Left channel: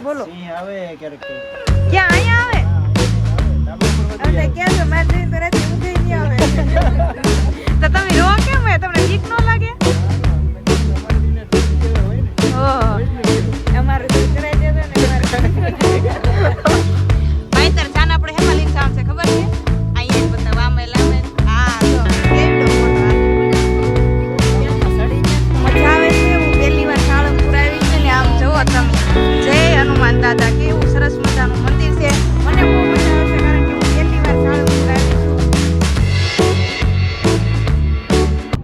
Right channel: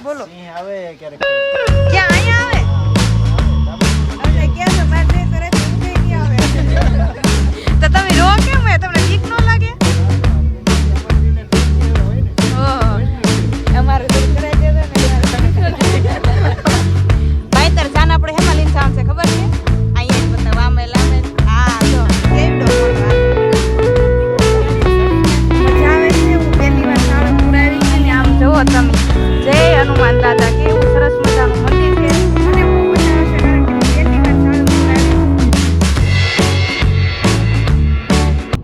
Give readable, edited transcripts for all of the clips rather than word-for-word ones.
બોલો આવે ક્યારેક ક્યાં અહીંયા આવે હવે ક્યાં છો બાર જઈ તો રાતે ઉઠી નહીં આવે તો તમે રો કેમ હે તમને બીક ન લાગે ઓહો અમારે તો કરે છે ને ભાઈ તાર જાન આપણે હેમાં લઈને જાણ છે ખબર છે અહીંયા બતાવ આમે લામે હા જો કેવડો ફોટો મજા આવે છે હું પહેલી વાર સાળંગપુર આવી છું ને આમ જોવો તમે જય હનુમાન દાદા કેવું સરસ મજાનું મંદિર છે મને બહુ મજા આવે છે કારણ કે હું પહેલી વાર સાળંગપુર આવી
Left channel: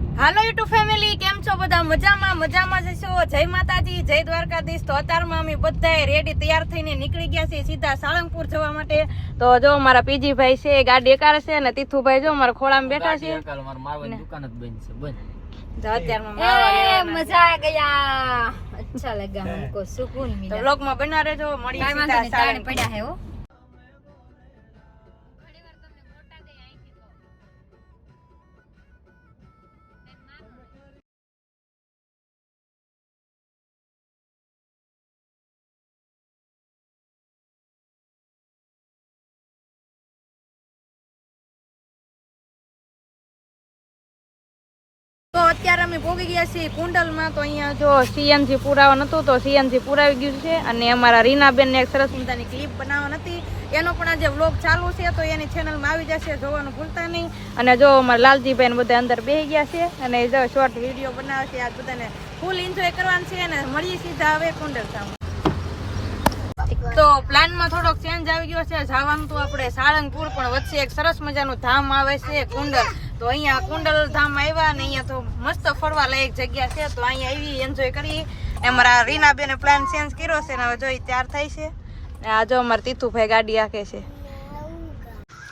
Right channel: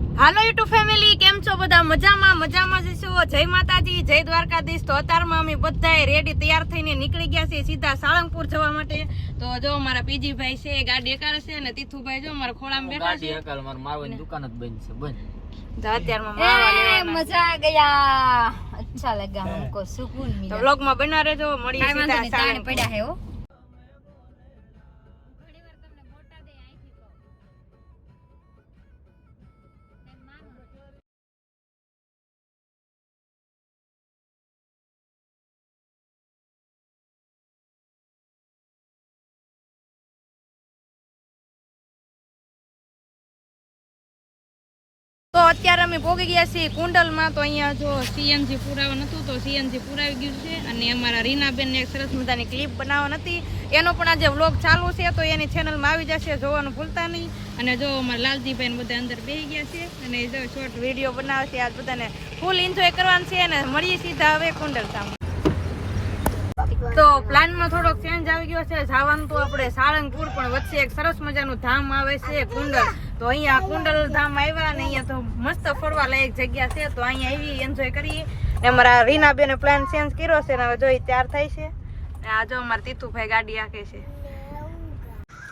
છું હાલો યુટ્યુબ ફેમિલી કેમ છો બધા મજામાં જશો જય માતાજી જય દ્વારકાધીશ તો અત્યારમાં અમે બધાએ રેડી તૈયાર થઈને નીકળી ગયા છીએ સીધા સાળંગપુર જવા માટે તો જો મારા પીજીભાઈ છે ગાડી એકાર છે અને તીથુભાઈ જો મારા ખોળામાં બેઠા છે મારવાની દુકાન જ બંધ છે બંધ તો અત્યારમાં મારવા લેવાના મજા આ ગયા अच्छा लगा हमको सुकून તો मिला વ્લોગમાં બનવા રહેજો મળીએ સીધા સાળંગપુર पड़ा है वो તો અત્યારે અમે પહોંચી ગયા છીએ કુંડલમાં તો અહીંયા જો સીએનજી પુરાવા નતું તો સીએનજી પુરાવી ગયું છે અને અમારા રીનાબેનને એક સરસ મજાની ક્લિપ બનાવવા નથી એનો પણ આજે વ્લોગ ચાલુ છે તો એની ચેનલમાં આવી જશે જોવાનું ભૂલતા નહીં અને જો અમારા લાલજીભાઈ બધા અંદર બેસી ગયા છે અને જો શોર્ટ વિડીયો બનાવે છે આજ બધાને ફૂલ એન્જોય કરવાનું છે અને મળીએ સીધા હવે કુંડલ સામે તો પ્લાનમાં થોડોક ચેન્જ આવી ગયો છે જવાનું તો આપણે સાળંગપુર પણ વચ્ચે એક સરસ મજાનું ધામ આવે છે કુંડલ તો અહીંયા કુંડલ ધામ આવ્યા અને અહીંયા તો મસ્ત ફરવા લાયક જગ્યા છે તો અહીંયા આવી એન્જોય કરી ને અમારા રીનાબેને પ્લાન ચેન્જ કર્યો છે ને હવે જોઈ તૈયાર થાય છે આ જો અમારા તીથુભાઈ ગાડી રાખે છે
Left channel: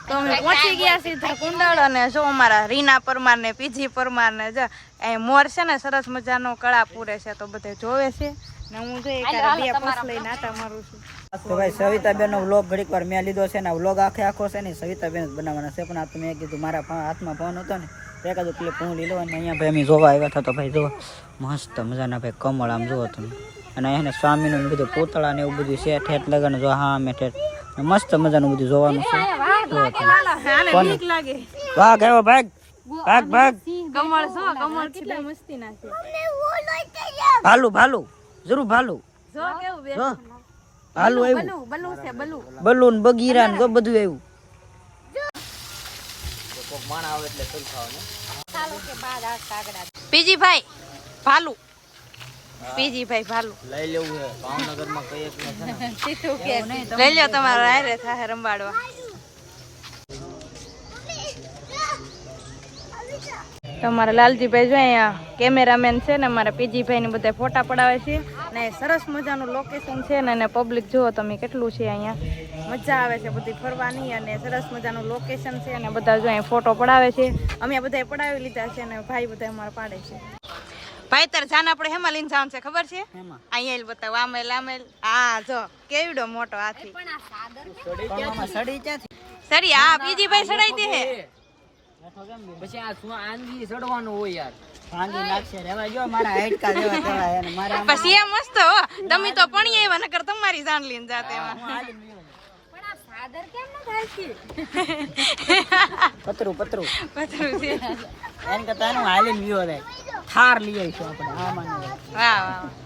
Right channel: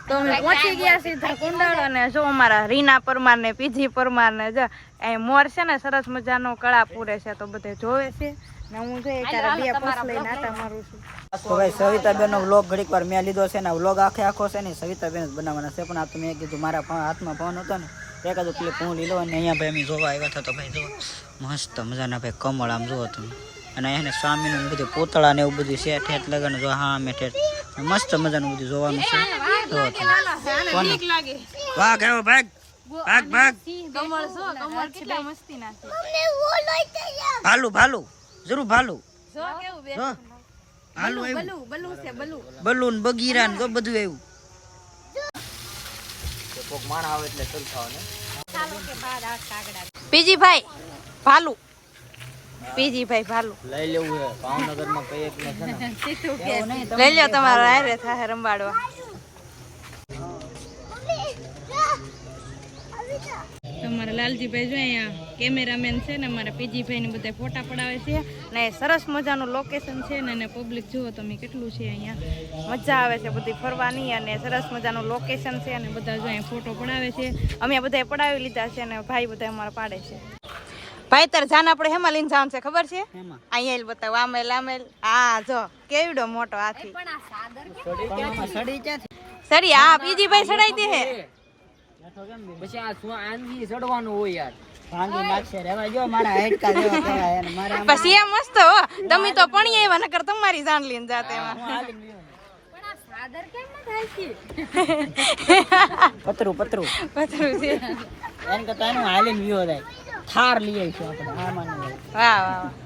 તો અમે પહોંચી ગયા સીધા કુંડલ અને જો અમારા રીના પરમાર ને પીજી પરમાર ને જો અહીં મોર છે ને સરસ મજાનો કળા પૂરે છે તો બધે જોવે છે ને હું જો એક બે પોસ લઈને આટા મારું છું તો ભાઈ સવિતાબેન નો વ્લોગ ઘડીક વાર મેં લીધો છે ને વ્લોગ આખો છે ને સવિતાબેન જ બનાવવાના છે પણ આ તો મેં કીધું મારા હાથમાં ફોન હતો ને તો એકાદું ક્લિપ હું લીધો અને અહીંયા ભાઈ અમે જોવા આવ્યા હતા તો ભાઈ જો મસ્ત મજાના ભાઈ કમળ આમ જુઓ તમે અને એને સ્વામીનું બધું પૂતળા ને એવું બધું છે ઠેઠ લગાડે જો હા અમે ઠેઠ મસ્ત મજાનું બધું જોવાનું છે જો તમે કોણ વાહ ગયો ભાગ ભાગ ભાગ કમળ કેટલા મસ્તી ના છે ભાલું જરૂર ભાલું જો કેવું બે જો હાલું આવ્યું બલુ છે બલુ બલૂન બગીરા ને બધું આવ્યું પીજીભાઈ ભાલુ પીજીભાઈ ભાલુ લઈ લેવું છે ભાવનગર માં કઈ એક છે ને લઈ લો તમારા હારે થાય રંબાડવા તમારા લાલજીભાઈ જો અહીંયા કેમેરામેન છે ને અમારા પીજીભાઈ ને બધા ફોટા પડાવે છે ને સરસ મજાનું લોકેશન છે ને પબ્લિક જુઓ તમે કેટલું છે અહીંયા મજા આવે છે બધી ફરવાની અને સરસ મજાનું લોકેશન છે અને બધા જો અહીંયા ફોટો પડાવે છે અમે બધા પડાવી લીધા છે અને ભાઈ બધા અમારા પાડે છે ભાઈ તાર જાન આપણે હેમાં લઈને જવાનું છે ખબર છે અહીંયા બતાવ આમેલ આમેલ હા જો કેવડો મોટો હાથી સડી હા પીજીભાઈ સડાઈ દે હે પછી આ આંગી ચડવાનું હોય યાર આંગી નાખશે રેવા જો મારા હેડકા જેવા કેવા એને મારે પછી એ મસ્ત હો તમે તો પણી આવ્યા નકર તમારી જાન લઈને જાતે એમાં પણ આ સાદર કેમ ન થાય છે પતરું છે એને કરતા એનું હાલીને વ્યો થાય થાર લઈ આવીશું આપણે આ માને વાહ વાહ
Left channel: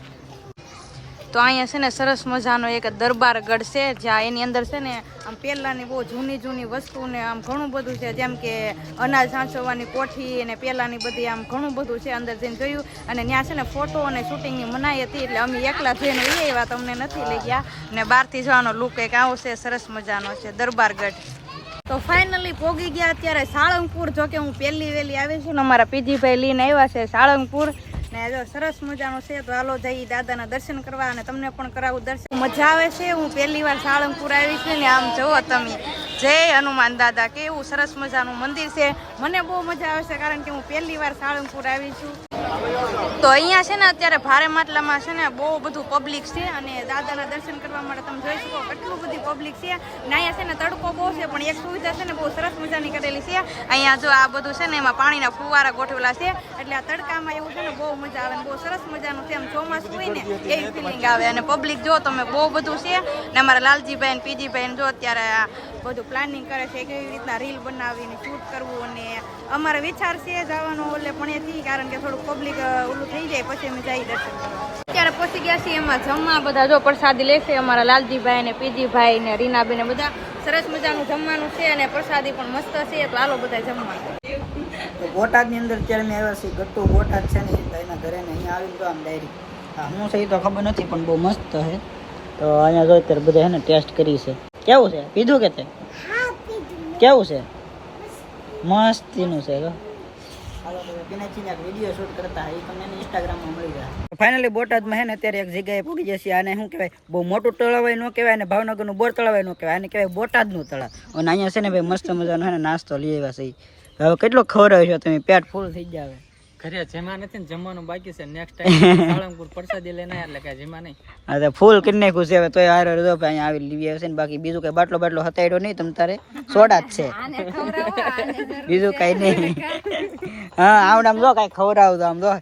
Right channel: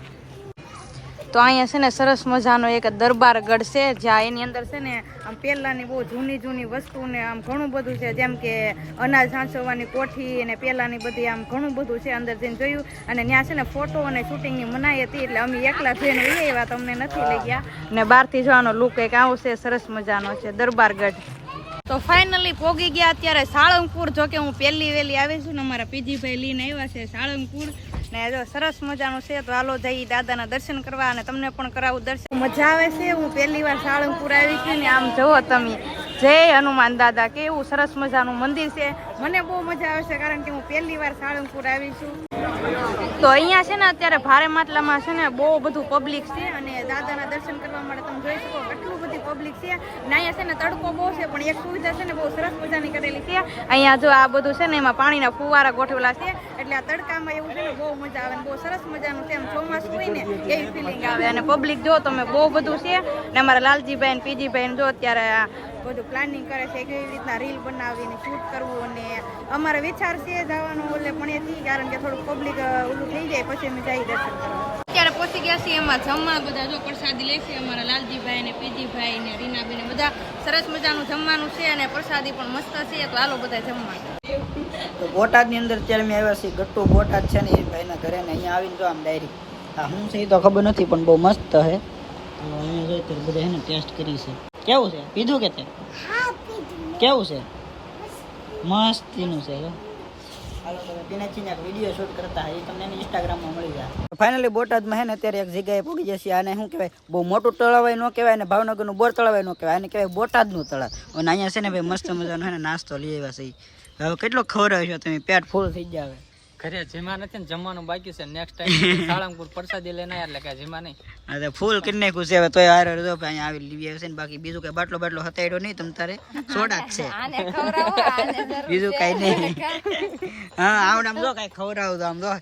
તો અહીંયા છે ને સરસ મજાનો એક દરબારગઢ છે જ્યાં એની અંદર છે ને આમ પહેલાની બહુ જૂની વસ્તુ ને આમ ઘણું બધું છે જેમ કે અનાજ સાચવવાની કોઠી અને પહેલાની બધી આમ ઘણું બધું છે અંદર જઈને જોયું અને ત્યાં છે ને ફોટો અને શૂટિંગની મનાઈ હતી એટલે અમે એકલા જઈને લઈ આવ્યા તમને નથી લઈ ગયા ને બહારથી જવાનો લુક એક આવો છે સરસ મજાનો છે દરબારગઢ તો ફાઇનલી પોગી ગયા અત્યારે સાળંગપુર જો કે હું પહેલી વેલી આવી છું ને અમારા પીજીભાઈ લઈને આવ્યા છે સાળંગપુર ને જો સરસ મજાનું છે તો હાલો જઈ દાદાના દર્શન કરવા અને તમને પણ કરાવું દર્શન મજા આવે છે હું પહેલી વાર સાળંગપુર આવી છું ને આમ જુઓ તમે જય હનુમાન દાદા કેવું સરસ મજાનું મંદિર છે મને બહુ મજા આવે છે કારણ કે હું પહેલી વાર સાળંગપુર આવી છું તો અહીંયા છે ને અત્યારે ભારે માટલામાં છે ને બહુ બધું પબ્લિક છે અને દાદાના દર્શન કરવા માટે તમે જોઈ શકો કેટલું બધી પબ્લિક છે ને અહીંયા છે ને તડકો બહુ છે પણ એક સુવિધા છે ને બહુ સરસ મજાની કરેલી છે અહીંયા જો આ બધું છે ને એમાં પાણીના ફુવારા ગોઠવેલા છે એટલે આ તડકામાં એવું છે ને બહુ મજા આવે ને બહુ સરસ મજાનું છે એમ ચોમાસું હોય ને એવી ફિલિંગ આવે અને પબ્લિક જો તમે બહુ બધું છે ને અમારા લાલજીભાઈ ને પીજીભાઈ જો અત્યારે બધું પ્લાનિંગ કરે છે કેવી રીતના રીલ બનાવીને શૂટ કરવું અને અમારો વિચાર છે જવાનો ઓલે પણ કારણ કે થોડુંક પબ્લિક ઓલું થઈ જાય પછી અમે જઈ દર્શન કરવા અત્યારે પહોંચી ગયા છીએ એમાં જમવા બધા જો પ્રસાદી લેશે અમારા લાલજીભાઈ ને પીજીભાઈ ને રીનાબેન બધા સરસ મજાનું જમવાનું છે અને પ્રસાદી પણ મસ્ત છે તો હાલો બધા જમવા તો બોટાદની અંદર અત્યારે મેં આવ્યા છીએ ગટ્ટુ બોટાદ છે ને એ ભાઈના ઘરે ને અહીંયા આવીને જો આમ ડાયરી હું છે એ તો ખબર નથી પણ બહુ મસ્ત છે તો અહીંયા જો અત્યારે બધા છે ને ટેસ્ટ કરી છે કેવું છે પીધું કે તે કેવું છે મસ્તીનું છે હાલો તો પીનાચીને એક વિડીયો શૂટ કરતા એ તમને ઇન્સ્ટાગ્રામમાં મળી જાય ફાઇનલી બોટાદમાં છે ને અત્યારે એક જગ્યાએ પહોંચી જશે આને શું કહેવાય બહુ મોટું તળાવ ન કહેવાય અને ભાવનગરનું બોર તળાવ ન કહેવાય આને કહેવાય બોટાદનું તળાવ અને અહીંયા છે ને ભાઈ મસ્ત મજાનો છે ને નાસ્તો લઈ આવ્યા છે હવે કેટલો ખવડાવ્યો છો તમે પેટ ફૂલ થઈ જાય ઘરે જીમા નથી ને જમવાનું બાકી છે નેક્સ્ટ ટાઈમ સાળંગપુર પ્રસાદી લઈને એટલે કે જીમા નહીં હા ફૂલ કરી નાખ્યું છે હવે તોય હારે જો અહીંયા આવી લીવી આવે છે ને બાકી બીજું કઈ બાટલો બાટલો હતાડ્યો નહીં તમ તારે સોડા જ છે બીજું કઈ નહીં હા આવડે આમ જો કઈ ખવડાવું આમ જો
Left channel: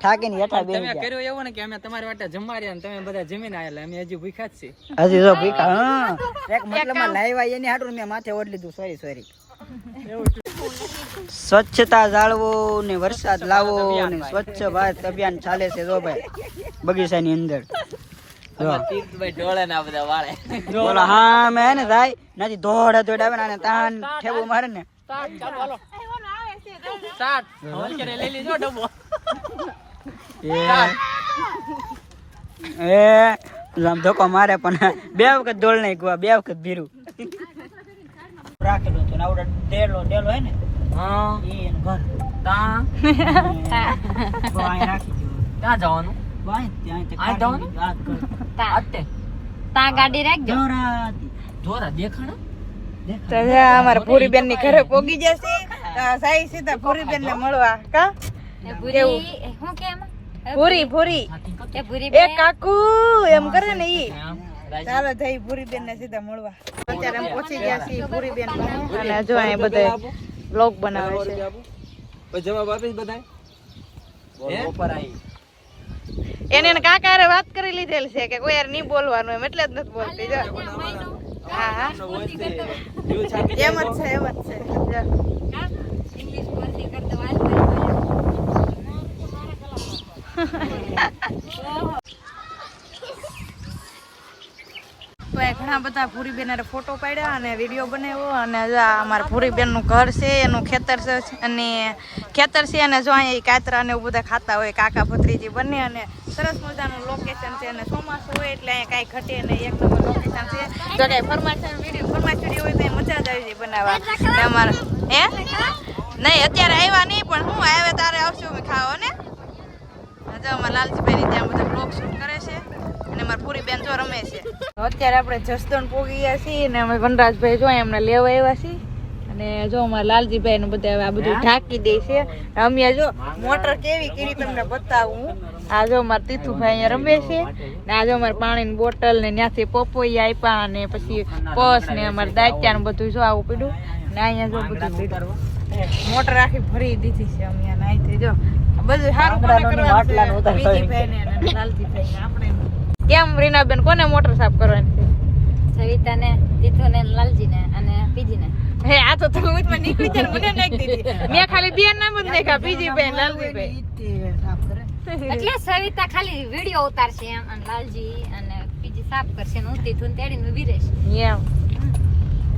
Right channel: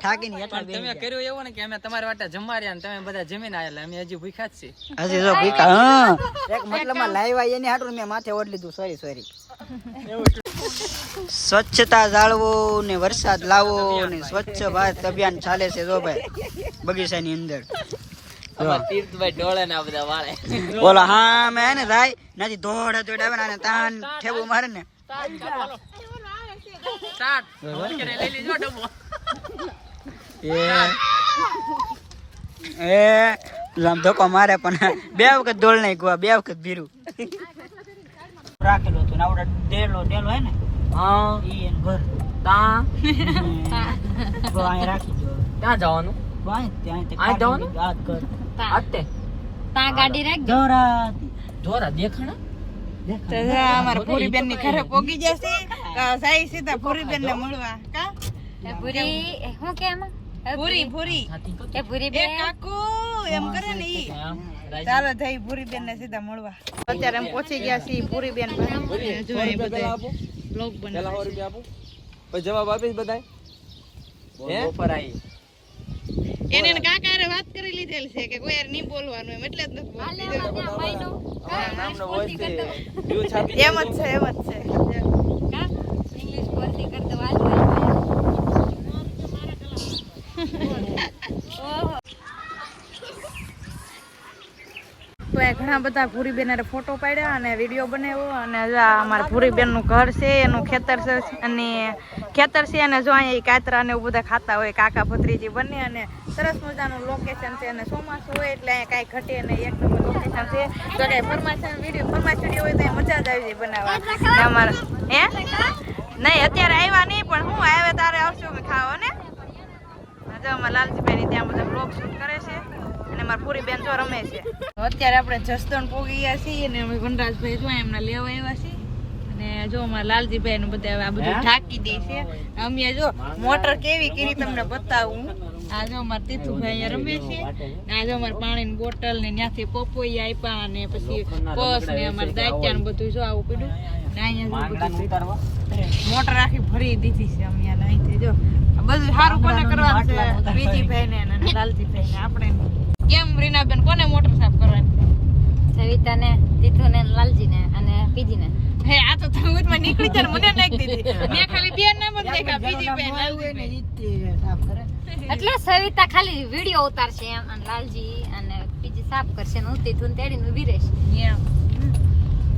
થાકીને હેઠા બેસી તમે કર્યું એવું ને કે અમે તમારી વાટે જમવા રહ્યા ને તમે બધા જમીને આવેલા અમે હજી ભૂખ્યા જ છીએ હજી જો ભીખા હા એક મતલબમાં લાવ્યા એની હાટું મેં માથે ઓઢ લીધું સોરી સ્વચ્છતા જાળવો ને વરસાદ લાવો ને સ્વચ્છ ભારત અભિયાન ચાલે છે જો ભાઈ બગીચાની અંદર ડોળે ના બધા વાળે બોલો હા મેં ને થાય નથી દોડ દોડ આવે ને તાન ઠેબુ મારે ને લઈ લીધો ડબ્બો એ આમ ધોકો મારે પણ બે વખત દોડ નહીં ગવા બે વખત ભીરું રાખેલું હતું ને આવડે ડેલો હે ને હા ઈ એનું ઘર તા તો અહીં રાખી દો ક્યાં જવાનું ત્યાં જવાનું આ ઘર આતે તા ગાડી રાખ જોરા દેખાણા અમારા પૂરી બેન ની ઘરે પોગી જશે સાઈ સીધા પૂરી બેન ને મળવા કા હું કેમ પૂરી એ પૂરી એ કાકુ એમ કરે ને ઈ ચાલો જઈ પૂરી બેન ને સીધા મળવા અત્યારે એમ પહોંચી ગયા છીએ પૂરી બેન અને જો અહીં બધા બ્લોગ બનાવે છે પછી જવાબ આપીશ બધાય ઓફર આવી એને કાકા હારે વાત કરી લીધેલ છે કે કોઈ યાર નહીં બોલવાનું એમ એટલે જ નથી બોલતી જો એમ જ છે જો. ઇંગ્લિશ બોલતી કરતો વાત તો એ ઘણા બધા ભૂરી બેન ફોટો પાડ્યા અને વિડીયો બનાવ્યો અને અમારા ભૂરી બેન નું ઘર છે એનું ખેતર છે અને જો અહીંયા કાતરા ને એવું બધા ખાતા હોય કાકા ભત્રીજી બંને અને સરસ મજાનું લોકેશન છે અને ચોમાસું હોય એટલે અહીંયા કાંઈ ઘટે નહીં એક નંબર લોકેશન છે જો કાંઈ ફરમાશ વિડીયો હોય તો મજા જ આવી જાય બનાવવા ને અમારા હે નહીં અત્યારે આવ્યા નહીં પણ હું આવે તારે આવશું અમે ખાવા ને જો અમારા લાલજીભાઈ ત્યાં બધા બ્લોગ શૂટ કરે છે અને મારી પૂરી બેન જો રમે છે અત્યારે આપણે જસદણ પોગી ગયા છીએ અને અમે વનરાજભાઈ જો એમને લેવા આવ્યા છીએ અને જો અમારા લાલજીભાઈ નું બધા આ બધું ઢાંકી દે છે અમે જો મોટર કેવી કરી તમને બતાવું આ જો મારા તીથુભાઈ અહીંયા રમે છે ને આ જો અમારે પાણીની બોટલ ને ત્યાંથી પપોઈ આપ્યા અને પછી પસ ને અમારે દાંત્યા ને બધું જો આવું પીડ્યું ને અહીંયા જો બધું મોટર આખી ભરી દીધી છે અમે અહીંથી જો બધું સારું કોને કરવાનું છે બીજીભાઈ ને લાલજીભાઈ ને આપણે કેમ રીનાબેન કોને મોટર સાફ કરવાની સવિતા ને તીથુ ને લાલજી ને અને પીજી ને હે આ તો તમે ઉતમાં નીકળી જાય મને નાખી દીધી મેં ખાલી બે નામ જ નાખ્યા બીજીભાઈ લાલજીભાઈ એટલે સવિતા ખાલી વિડિયો ઉતારશે એમ અને લાલજી અને પીજી સાફ કરશે ને હું તીથુ ને તેડીને ઊભી રહીશ એમ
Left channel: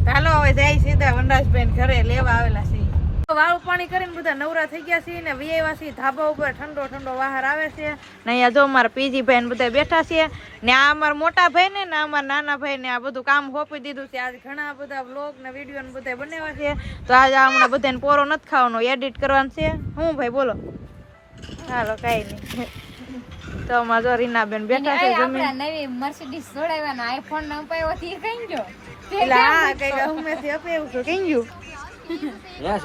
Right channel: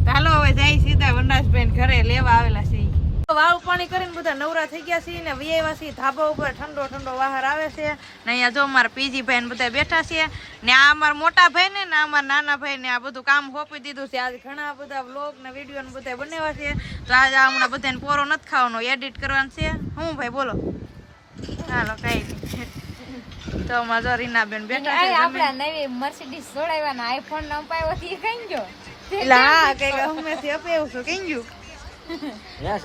ચાલો હવે જાય સીધા વનરાજભાઈ ઘરે લેવા આવેલા છે વાળું પાણી કરીને બધા નવરા થઈ ગયા છે ને વિયાવા છે ધાબા ઉપર ઠંડો ઠંડો વાહર આવે છે ને અહીંયા જો અમારા પીજીભાઈ ને બધા બેઠા છે ને આ અમારા મોટા ભાઈ ને અમારા નાના ભાઈ ને આ બધું કામ સોંપી દીધું છે આજે ઘણા બધા વ્લોગ ને વિડીયો ને બધા બનાવ્યા છે તો આજે હમણાં બધાને પોરો નથી ખાવાનો એડિટ કરવાનું છે હું ભાઈ બોલો હાલો કઈ નહીં તો અમારા જો રીનાબેન બેઠા છે આપણે નવી મર્સિડીઝ જોડાવવાનો આઈફોન ન અપાયો થી કઈ ગયો એટલે હા કઈ હંમેશા અપાયું છું કઈ ગયું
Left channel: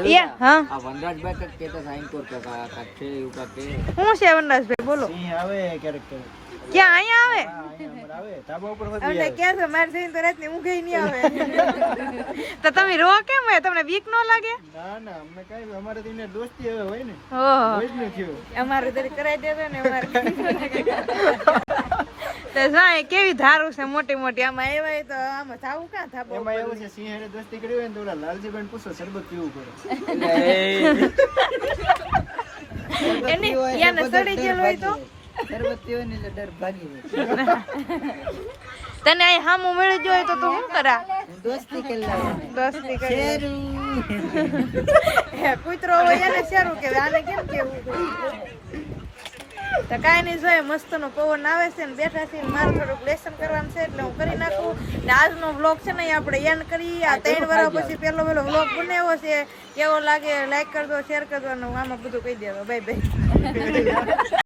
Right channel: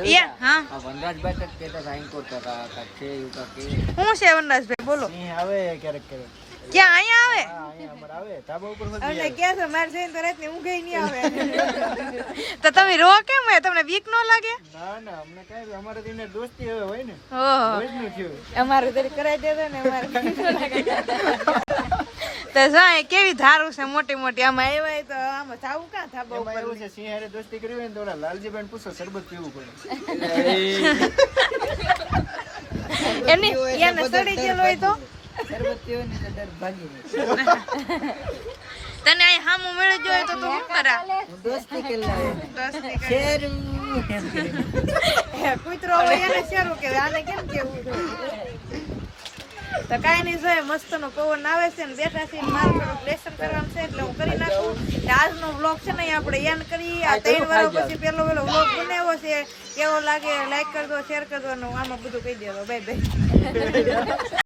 યા હા આ વનરાજભાઈ કાંઈક કહેતા હતા એન્કોર કાંઈક છે એવું કાંઈક કે શું છે વનરાજભાઈ બોલો સિંહ આવે ક્યારેક ક્યારેક ક્યાં અહીંયા આવે અહીંયા અમારે આવે ધાબા ઉપર અમને કે છે મારે જઈને તો રાતની ઊંઘ ય નહીં આવે તો તમે રો કેમ હોય તમને બીક ન લાગે ના ના અમને કાંઈ અમારે તો એને દોસ્તી હવે હોય ને ઓહો રોજનું થયું અમારે તો કરાવી દેતો ને અમારે તો જાય કેવી ધારું છે મોટી મોટી આમાં એવાય તો આમાં જાવું કાં થાબા એમાં ઉપર એવું છે સિંહ હારે દોસ્તી કરી હોય ને તો ઓલા લાલજીભાઈને પૂછો શરબત પીવું પડે એની એને સડી ગયેલો હોય તો શરબત પીવો ને એટલે ડર ભાગી જાય તને અહીં હામું મળી જોઈએ તો તું શું કરા હું દોસ્તી કરી લાવું દોસ્તી કરી હે કૂતરો હોય એને સારું કે આને કેમ કેવું તો કાંઈ નહીં જોઈએ મસ્તનો પવન આવે છે ને બેઠા છીએ ને મારું થોડુંક લેસન કરવાનું છે એટલે હું કરી નાખું ને આજનો વ્લોગ છે ને અહીં આપણે એન્ડ કરી આ 3 વર્ષ પછી પહેલો વ્લોગ બનાવ્યો છે કેવો લાગે લાઈક કરજો શેર કરજો અને આમાં બધું કહી દેજો બાય બાય